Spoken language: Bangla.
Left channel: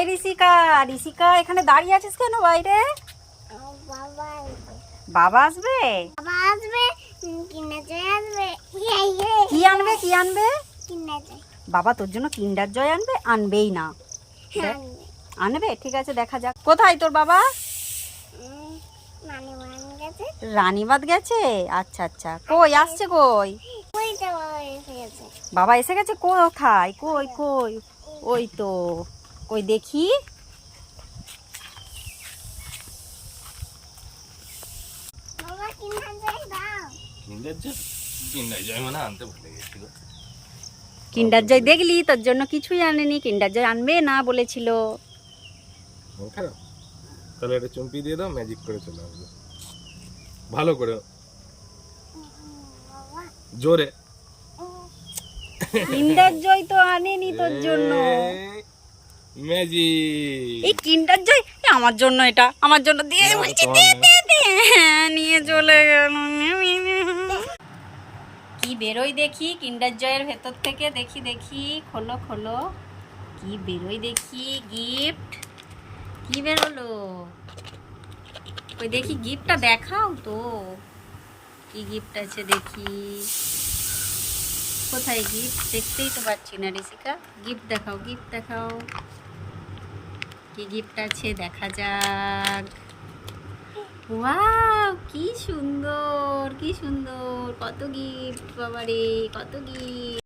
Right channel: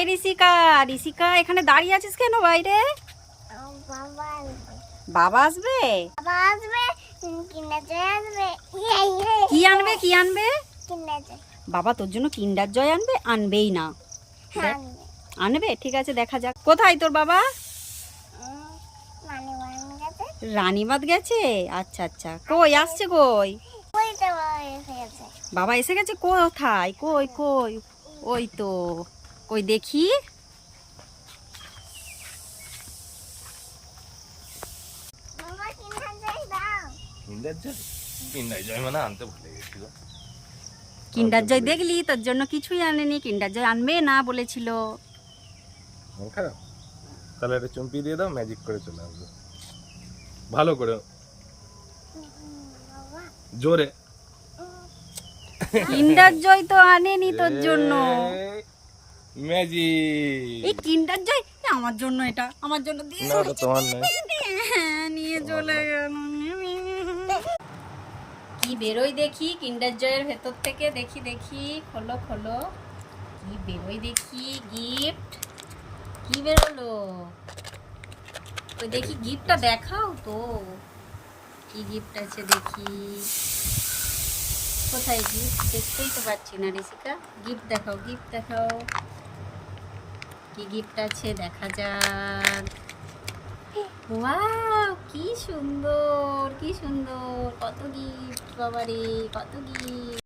এই ঋষিকা, ঋষিকা এখানে দাঁড়িয়ে আছিস কেন বাইরে? বাবা আসবে। বাবা আসবে, কিন্ডার জয় আসবে। কি আনবে, কি আনবে? কিন্ডার জয়। বাবা তোর জন্য কিন্ডার জয় আনবে? আনবেই না। দেখ, আনবে। আনবে, ঠিক আছে দেখা যাক। কোথায় তোর বাবা? মানে ওয়ান গেছে। রানীবাঁধ গেছে। আচ্ছা আচ্ছা, কই আসছে কই? ওই তো বাবা এসে গেছে। বাবা এসে গেছে কোথায়? কই কই? ওই তো, কই দেখি। বাবা কিন্ডার জয় দাও। কিন্ডার জয় মানে আনতে ভুলে গেছি গো। কিন্ডার জয় দেখলি, তোর জন্য কিছুই আনেনি। কিন্ডার জয় আনবে না বলেছিল। মন খারাপ? তাহলে একটা চুমকি দিয়ে দাও, ম্যাজিক করে চলে আসবে। ভালো করে, বাবা জোরে। কিন্ডার জয় তো আনেনি তোর জন্য। ম্যাজিক। এই কিন্ডার জয় আমার জন্য, এটা আমার জন্য দিয়ে না, বলছি, তোমার দে, নেই। দে, দে। হ্যাঁ, নিয়ে চলে গেল। কি বেরোই দেখি কিন্ডার জয়ের ভেতর থেকে, দেখি দেখি, খোলো খোলো, কি বেরোই দেখি। গিফট কি বেরোলো? ওই দেখি গিফটটা দেখাও তো, কি গিফট আছে দেখি। কোথায় গিফট? দেখতেই তো পাচ্ছি না ঋষিকা। গিফট দেখাও, গিফট দেখাও, কি গিফট আছে দেখা যাক। ওয়াও, কি সুন্দর, কি সুন্দর, কত গিফট বাবারে, কত গিফট।